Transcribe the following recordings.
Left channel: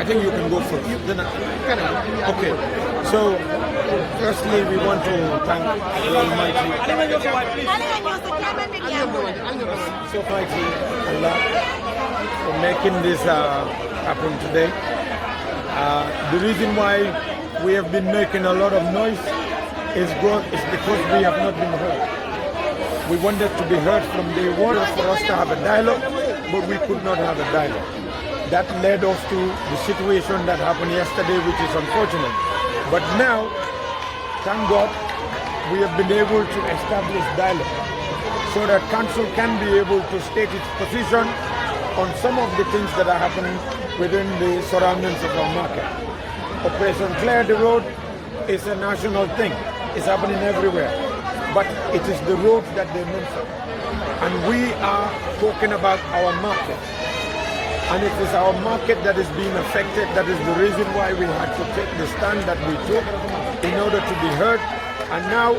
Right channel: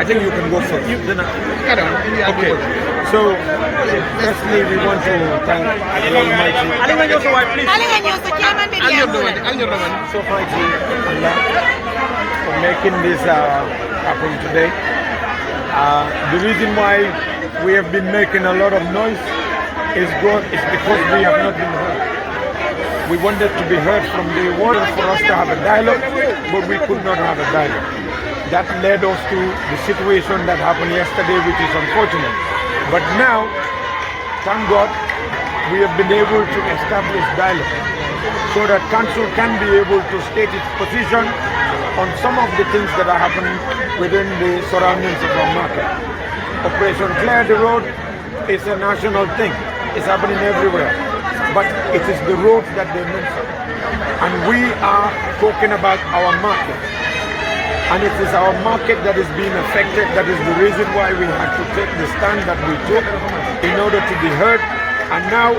I think you can go first. Okay. So, firstly, we want to thank the Almighty. So Almighty Allah for making this happen today. The reason why we have been making a lot of noise is because we have not been heard. We wanted to be heard from the world for us to have a dialogue, but we could not have a dialogue. That led us to the situation that happened yesterday, which is unfortunate. But now, thank God, we have been able to establish dialogue so that council can be able to state its position on some of the things that are happening within the surroundings of our market. Operation Clear the Road is a national thing. It's happening everywhere. But it is the roads that they mention. And we are talking about our market. And it is our market that is being affected. That is the reason why we had to take the stand that we took in order to be heard. And now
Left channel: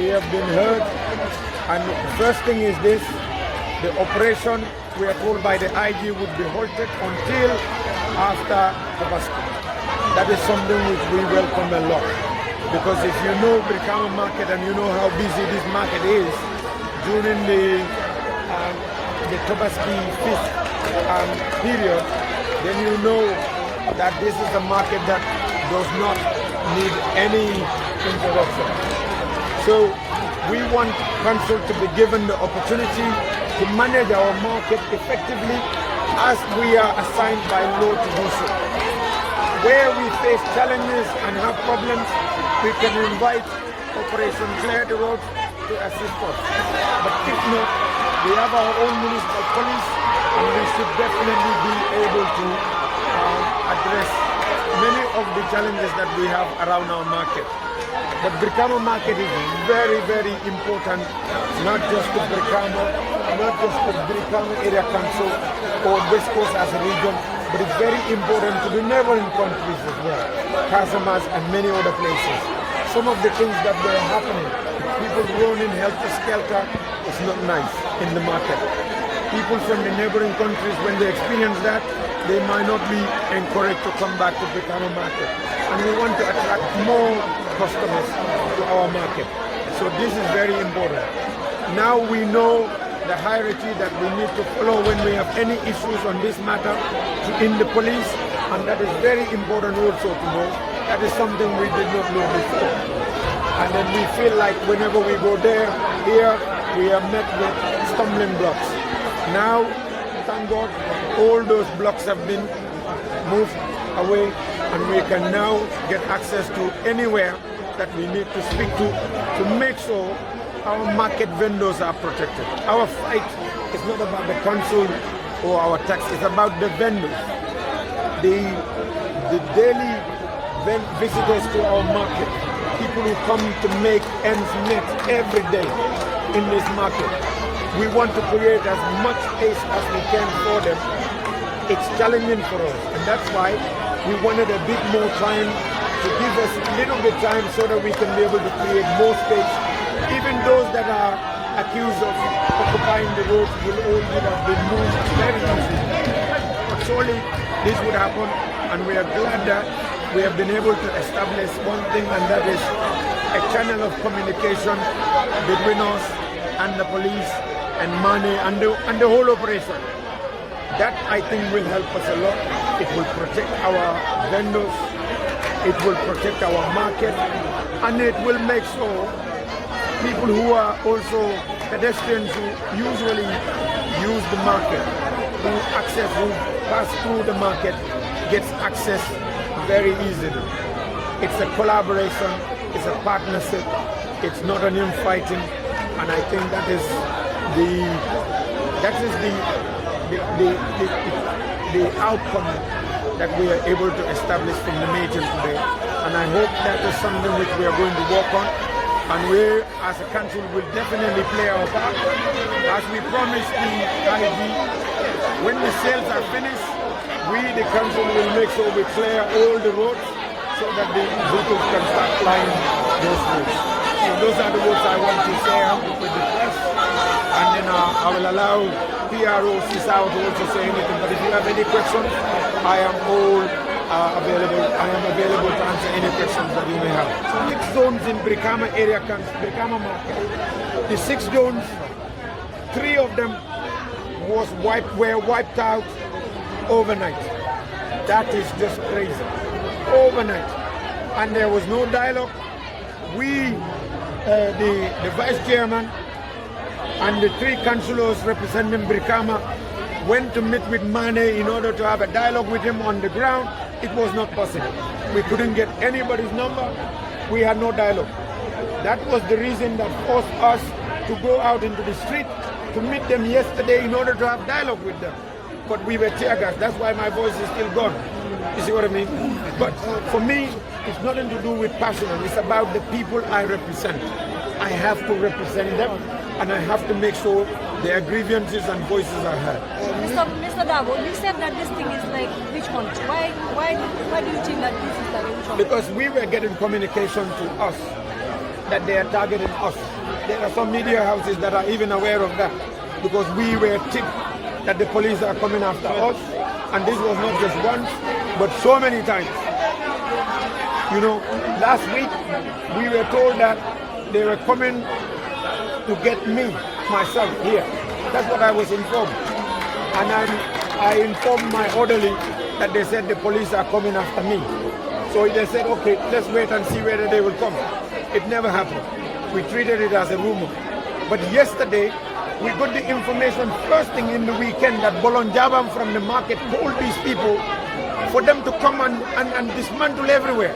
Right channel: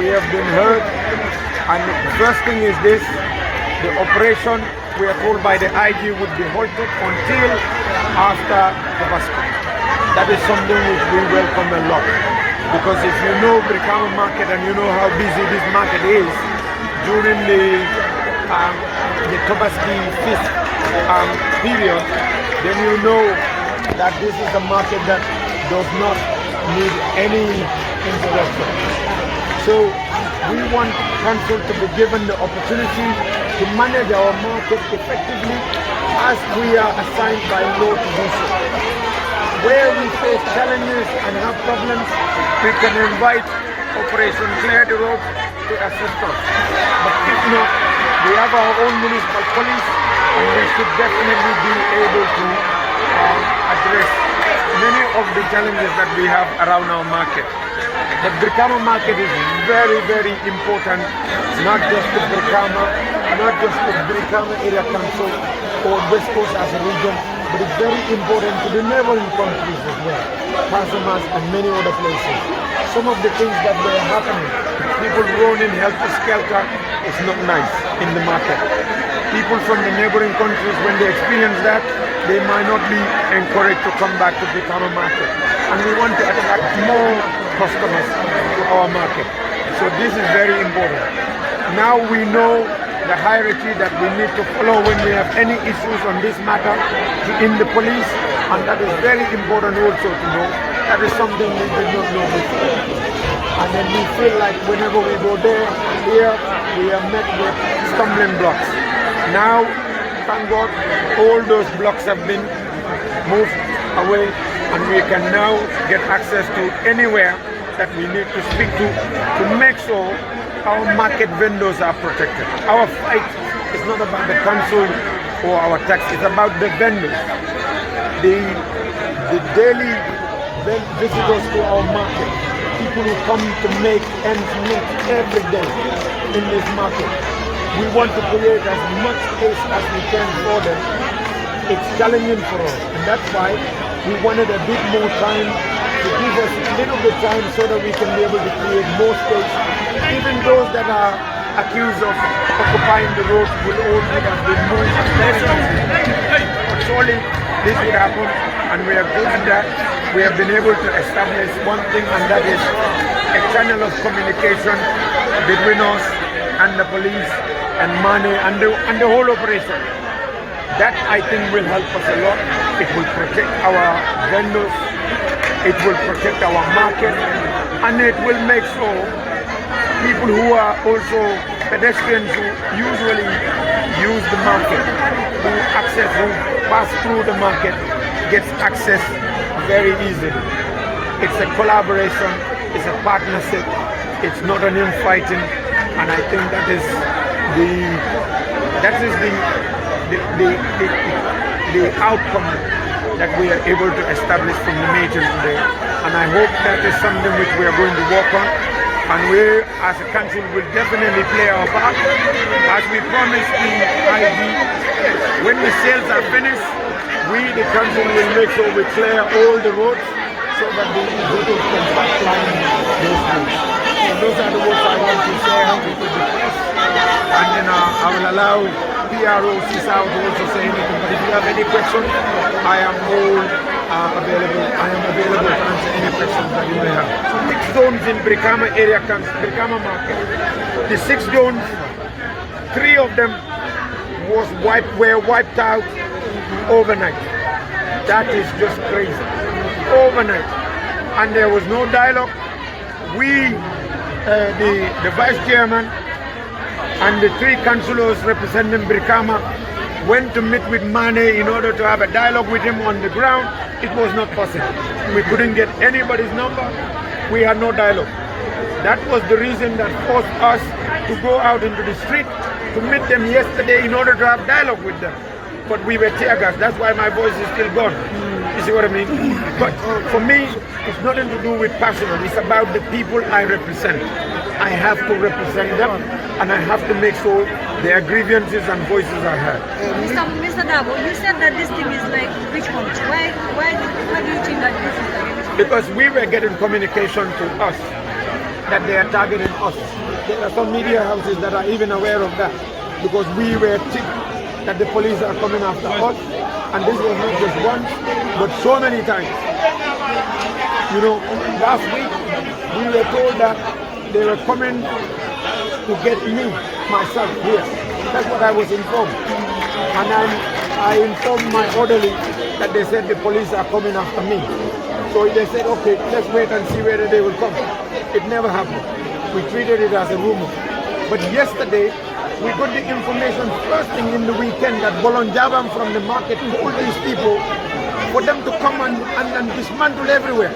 we have been heard. And the first thing is this, the operation, we are told by the IG, would be halted until after the basket. That is something which we welcome a lot. Because if you know Brikama market and you know how busy this market is during the Tobaski feast period, then you know that this is a market that does not need any interruption. So we want council to be given the opportunity to manage our market effectively as we are assigned by law to do so. Where we face challenges and have problems, we can invite Operation Clear the Road to assist us. But if not, we have our own municipal police and we should definitely be able to address many of the challenges that we have around our market. The Brikama market is very, very important, not just to Brikama, not just to Brikama Area Council or West Coast as a region, but it's very important to the neighboring countries as well, Casamas and many other places. Some of the things that were happening, people running helter-skelter, is not nice in the market. People from the neighboring countries, when they experience that, they might not be encouraged to come back to the Brikama market. And we want to attract more customers to our market. So this is very important. Now we know the hierarchy that we need to follow when we have any issues on this matter in the police, and that is very important also to know. That is something we did not know before. And then we feel like whenever we go there, here, we are met with stumbling blocks. Now, thank God, all those blocks have been moved away, and we can now get access to anywhere that we need to speak to make sure our market vendors are protected. Our fight is not about the council or our tax, it's about the vendors. The daily visitors to our market, people who come to make ends meet every day in this market. We want to create as much space as we can for them. It's challenging for us, and that's why we wanted a bit more time to give us a little bit time so that we can be able to create more space. Even those that are accused of occupying the road will all have been moved very easily. But surely this would happen, and we are glad that we have been able to establish one thing, and that is a channel of communication between us and the police and money and the whole operation. That I think will help us a lot. It will protect our vendors, it will protect our market, and it will make sure people who are also pedestrians who usually use the market, who pass through the market, gets access very easily. It's a collaboration, it's a partnership, it's not an infighting, and I think that is the outcome that we are able to establish from the meeting today. And I hope that is something which we are going to work on. And we, as a council, will definitely play our part. As we promised the IG, when the sales are finished, we, the council, will make sure we clear all the roads so that the vehicles can start plowing those roads. So those are the words I want to say to the press. And then I will allow PRO Sisawo to also say anything. But if you have any questions, I am all are available. I am available to answer any questions that you may have. 6 zones in Brikama area, Brikama market. The 6 zones, 3 of them were wiped out overnight. That is just crazy. Overnight. And there was no dialogue. We, the vice chairman and the 3 councillors representing Brikama went to meet with Mane in order to have a dialogue with him on the ground. It was not possible. We couldn't get anybody's number. We had no dialogue. That was the reason that forced us to go out into the street to meet them yesterday in order to have dialogue with them. But we were tear gassed. That's why my voice is still gone. You see what I mean? But for me, it's nothing to do with passion. It's about the people I represent. I have to represent them, and I have to make sure their grievances and voices are heard. Mr. Darboe, you said that this thing is like witch hunt. Why do you think that this is like a witch hunt? Because we were getting communication to us that they are targeting us. There are some media houses that are even aware of that, because we were tipped that the police are coming after us, and this was not just once, but so many times. You know, last week we were told that they were coming to get me, myself, here. That's what I was informed. And I informed my orderly that they said the police are coming after me. So they said, okay, let's wait and see whether they will come. It never happened. We treated it as a rumor. But yesterday, we got the information first thing in the weekend that Bolonjabam from the market told these people for them to come and dismantle everywhere.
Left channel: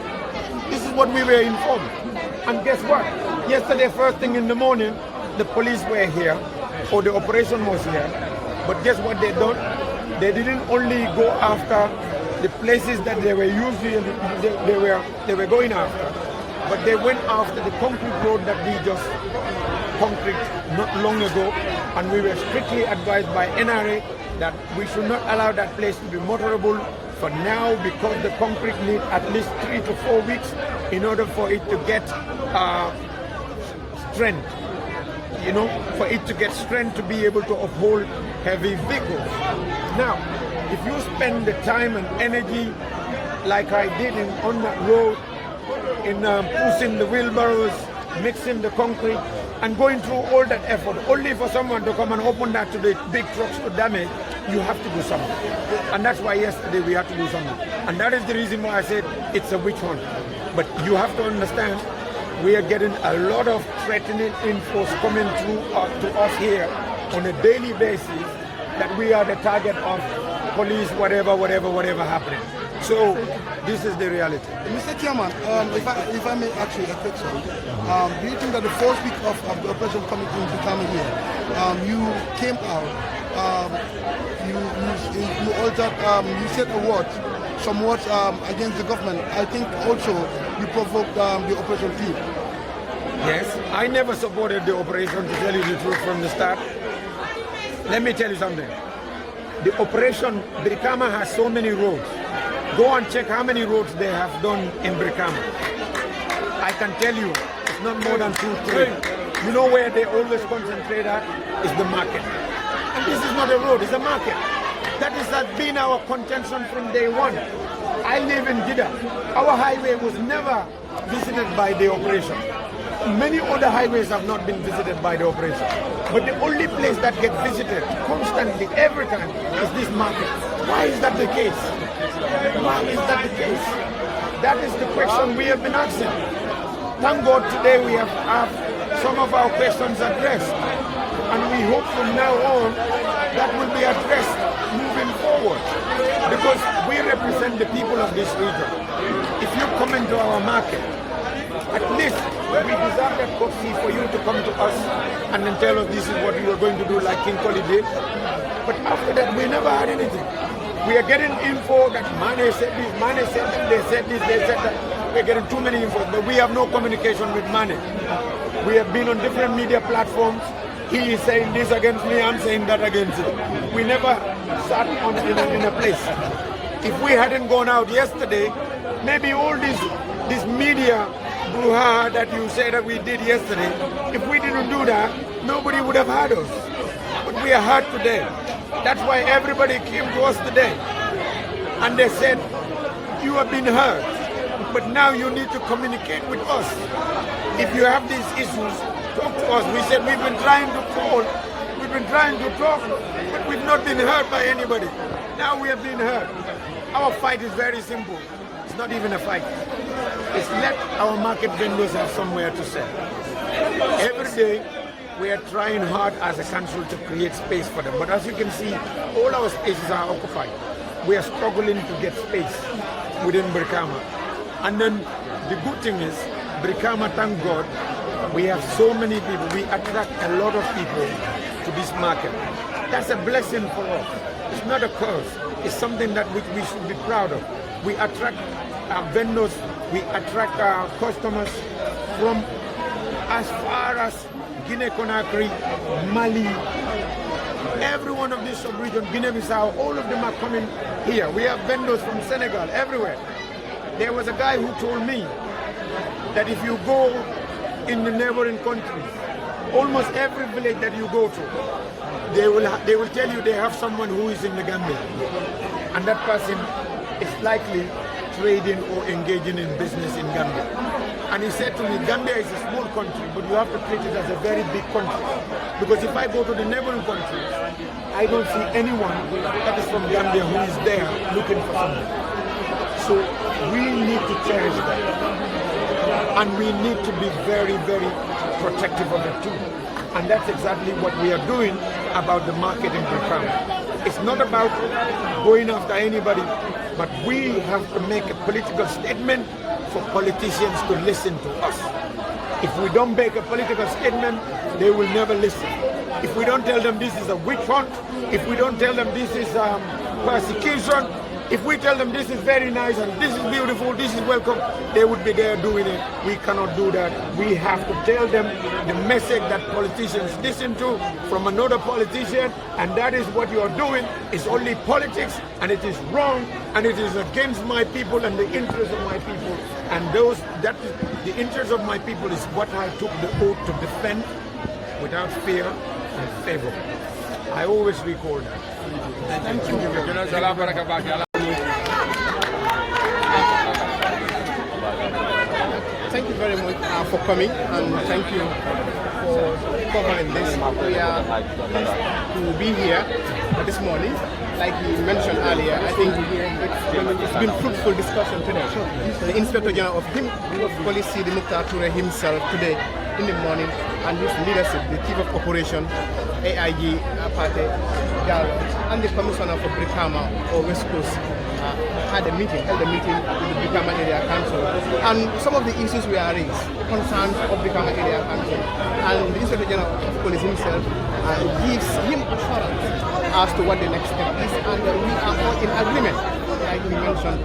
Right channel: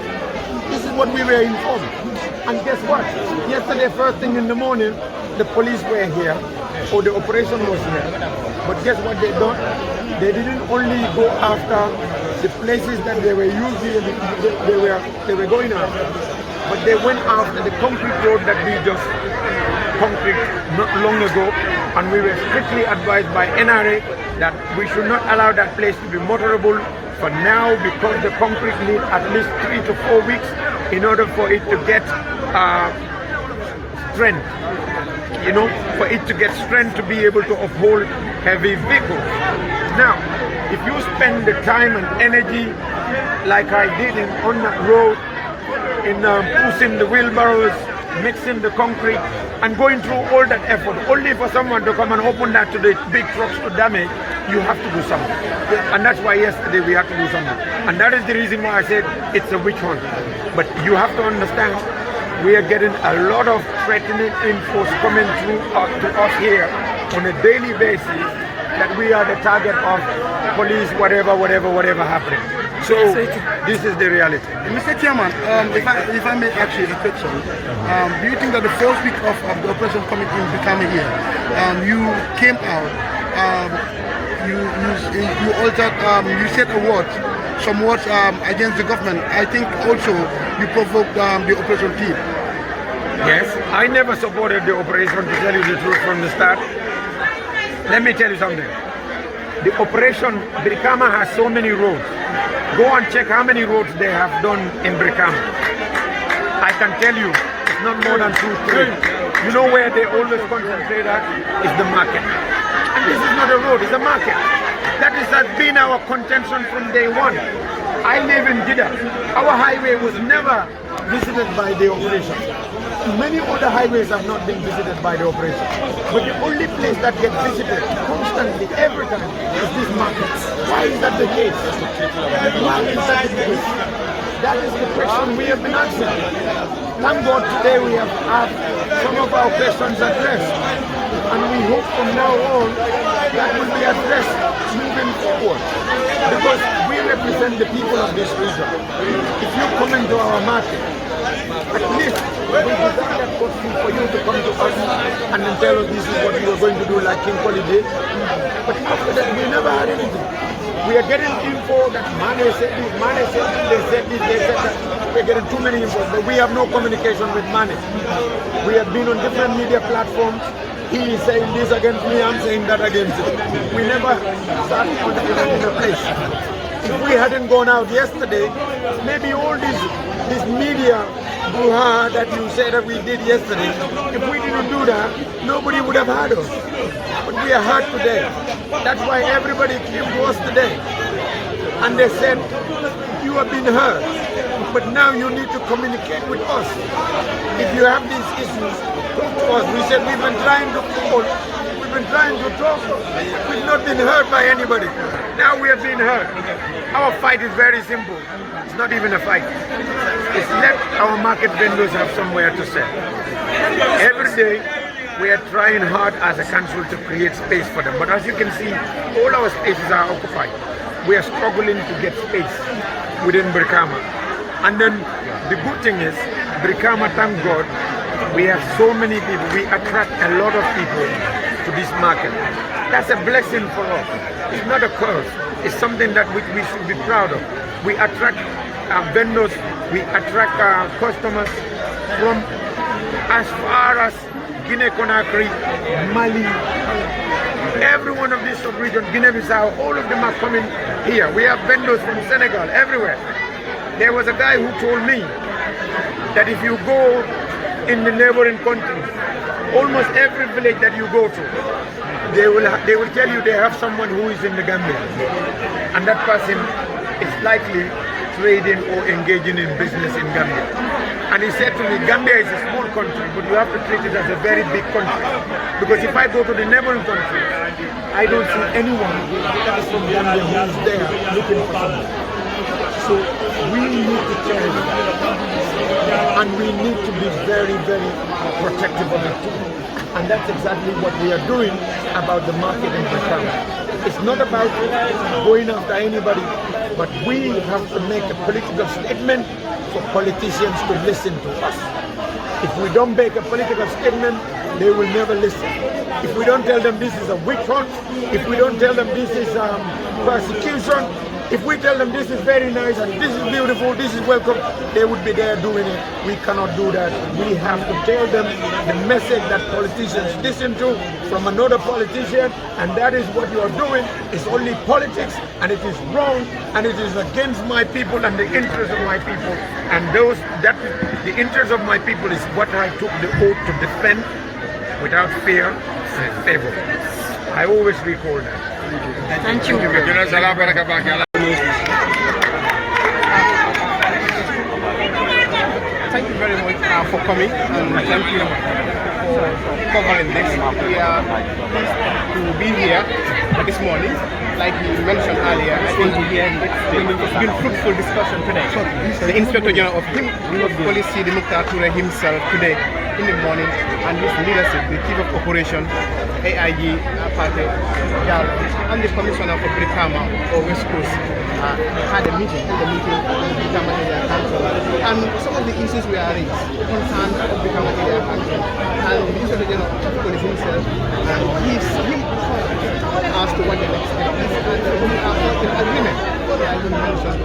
This is what we were informed. And guess what? Yesterday, first thing in the morning, the police were here, or the operation was here. But guess what they done? They didn't only go after the places that they were usually they were going after, but they went after the concrete road that we just concrete not long ago, and we were strictly advised by NRA that we should not allow that place to be motorable for now, because the concrete needs at least 3 to 4 weeks in order for it to get strength, you know, for it to get strength to be able to uphold heavy vehicles. Now, if you spend the time and energy like I did on that road, in pushing the wheelbarrows, mixing the concrete, and going through all that effort, only for someone to come and open that to the big trucks to damage, you have to do something. And that's why yesterday we had to do something. And that is the reason why I said it's a witch hunt. But you have to understand, we are getting a lot of threatening info coming through to us here on a daily basis that we are the target of police, whatever happening. So this is the reality. Mr. Chairman, if I may ask you a question, do you think that the first week of the operation coming in, becoming here, you came out, you altered, you said a word, some words against the government. I think also you provoked the operation team. Yes, I never supported the operation, to tell you the truth, from the start. Let me tell you something. The operation, Brikama has so many roads. Go and check how many roads they have done in Brikama. I can tell you, it's not more than 2, 3. You know where they always concentrate at? Is the market. And this is not a road, it's a market. That has been our contention from day one. I live in Jeddah. Our highway was never visited by the operation. Many other highways have not been visited by the operation. But the only place that gets visited constantly, every time, is these markets. Why is that the case? Why is that the case? That is the question we have been asking. Thank God today we have had some of our questions addressed. And we hope from now on that will be addressed moving forward. Because we represent the people of this region. If you come into our market, at least we deserve that courtesy for you to come to us and then tell us this is what you are going to do, like King Koli did. But after that, we never had anything. We are getting info that Mane said this, Mane said this, they said this, they said that. We're getting too many info, but we have no communication with Mane. We have been on different media platforms. He is saying this against me, I'm saying that against him. We never sat in a place. If we hadn't gone out yesterday, maybe all this media brouhaha that you say that we did yesterday, if we didn't do that, nobody would have heard us. But we are heard today. That's why everybody came to us today. And they said, you have been heard, but now you need to communicate with us. If you have these issues, talk to us. We said we've been trying to call, we've been trying to talk, we've not been heard by anybody. Now we have been heard. Our fight is very simple. It's not even a fight. It's let our market vendors have somewhere to sell. Every day, we are trying hard as a council to create space for them. But as you can see, all our spaces are occupied. We are struggling to get space within Brikama. And then the good thing is, Brikama, thank God, we have so many people. We attract a lot of people to this market. That's a blessing for us. It's not a curse. It's something that we should be proud of. We attract vendors, we attract customers from as far as Guinea-Conakry, Mali, every one of these sub-regions, Guinea-Bissau, all of them are coming here. We have vendors from Senegal, everywhere. There was a guy who told me that if you go in the neighboring countries, almost every village that you go to, they will tell you they have someone who is in the Gambia. And that person is likely trading or engaging in business in Gambia. And he said to me, Gambia is a small country, but you have to treat it as a very big country. Because if I go to the neighboring countries, I don't see anyone that is from Gambia who is there looking for something. So we need to change that. And we need to be very, very protective of it too. And that's exactly what we are doing about the market in Brikama. It's not about going after anybody, but we have to make a political statement for politicians to listen to us. If we don't make a political statement, they will never listen. If we don't tell them this is a witch hunt, if we don't tell them this is persecution, if we tell them this is very nice and this is beautiful, this is welcome, they would be there doing it. We cannot do that. We have to tell them the message that politicians listen to from another politician, and that is what you are doing is only politics, and it is wrong, and it is against my people and the interests of my people. And the interest of my people is what I took the oath to defend without fear and favor. I always recall that. Thank you. Thank you very much for coming, and thank you for covering this. We are pleased to be here this morning. Like you mentioned earlier, I think it's been fruitful discussion today. The Inspector General of Police, the Mukhtar Toure himself, today in the morning, and his leadership, the Chief of Operation, AIG, and the Commissioner for Brikama or West Coast held a meeting with the Brikama Area Council, and some of the issues were raised in terms of Brikama Area Council, and the Inspector General of Police himself gives him thoughts as to what the next step is, and we are all in agreement. Like you mentioned,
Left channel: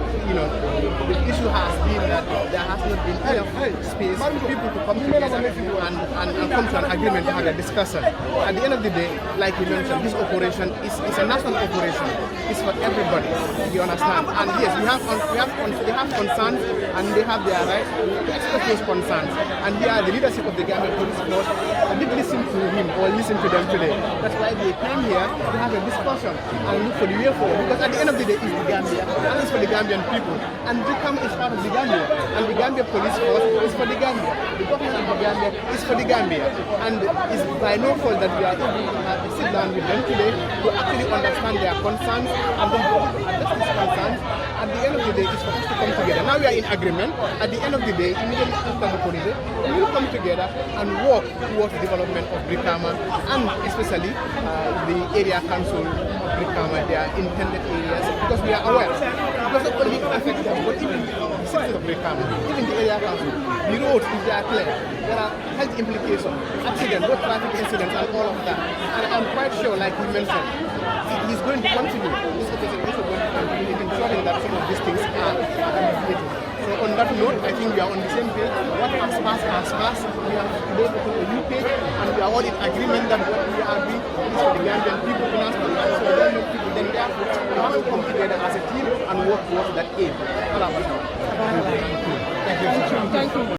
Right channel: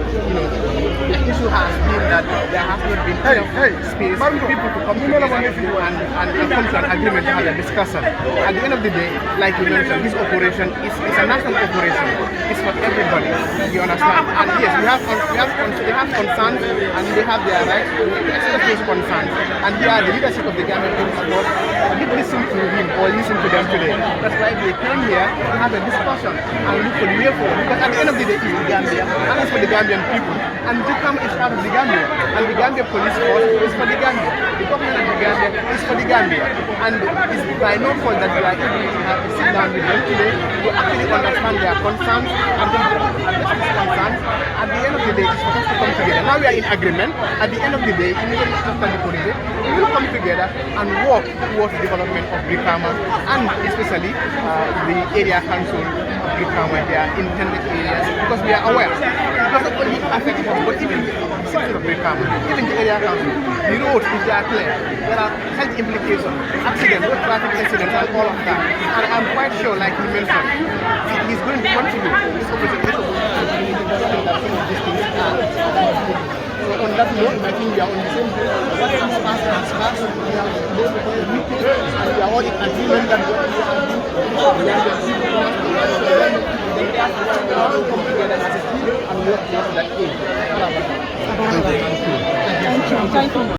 the issue has been that there has not been enough space for people to come together and come to an agreement to have a discussion. At the end of the day, like you mentioned, this operation is a national operation. It's for everybody. You understand? And yes, they have concerns, and they have their rights to express those concerns. And we are the leadership of the government who support. We did listen to him or listen to them today. That's why they came here to have a discussion and look for the way forward. Because at the end of the day, it's the Gambia, and it's for the Gambian people. And Brikama is part of the Gambia, and the Gambia Police Force is for the Gambia. The government of the Gambia is for the Gambia. And it's by no fault that we are able to have a sit down with them today to actually understand their concerns and then address these concerns. At the end of the day, it's for us to come together. Now we are in agreement. At the end of the day, immediately after the holiday, we will come together and work towards the development of Brikama, and especially the area council of Brikama, their intended areas, because we are aware. Because of what it affects us, but even the citizens of Brikama, even the area council, the roads, if they are clear, there are health implications, accidents, road traffic incidents, and all of that. And I'm quite sure, like he mentioned, he's going to contribute. This operation is going to contribute in developing that some of these things are. So on that note, I think we are on the same page. What has passed. We have made a meeting, and we are all in agreement that what we are doing is for the Gambian people. So the Gambian people, then therefore, we come together as a team and work towards that aim. Thank you.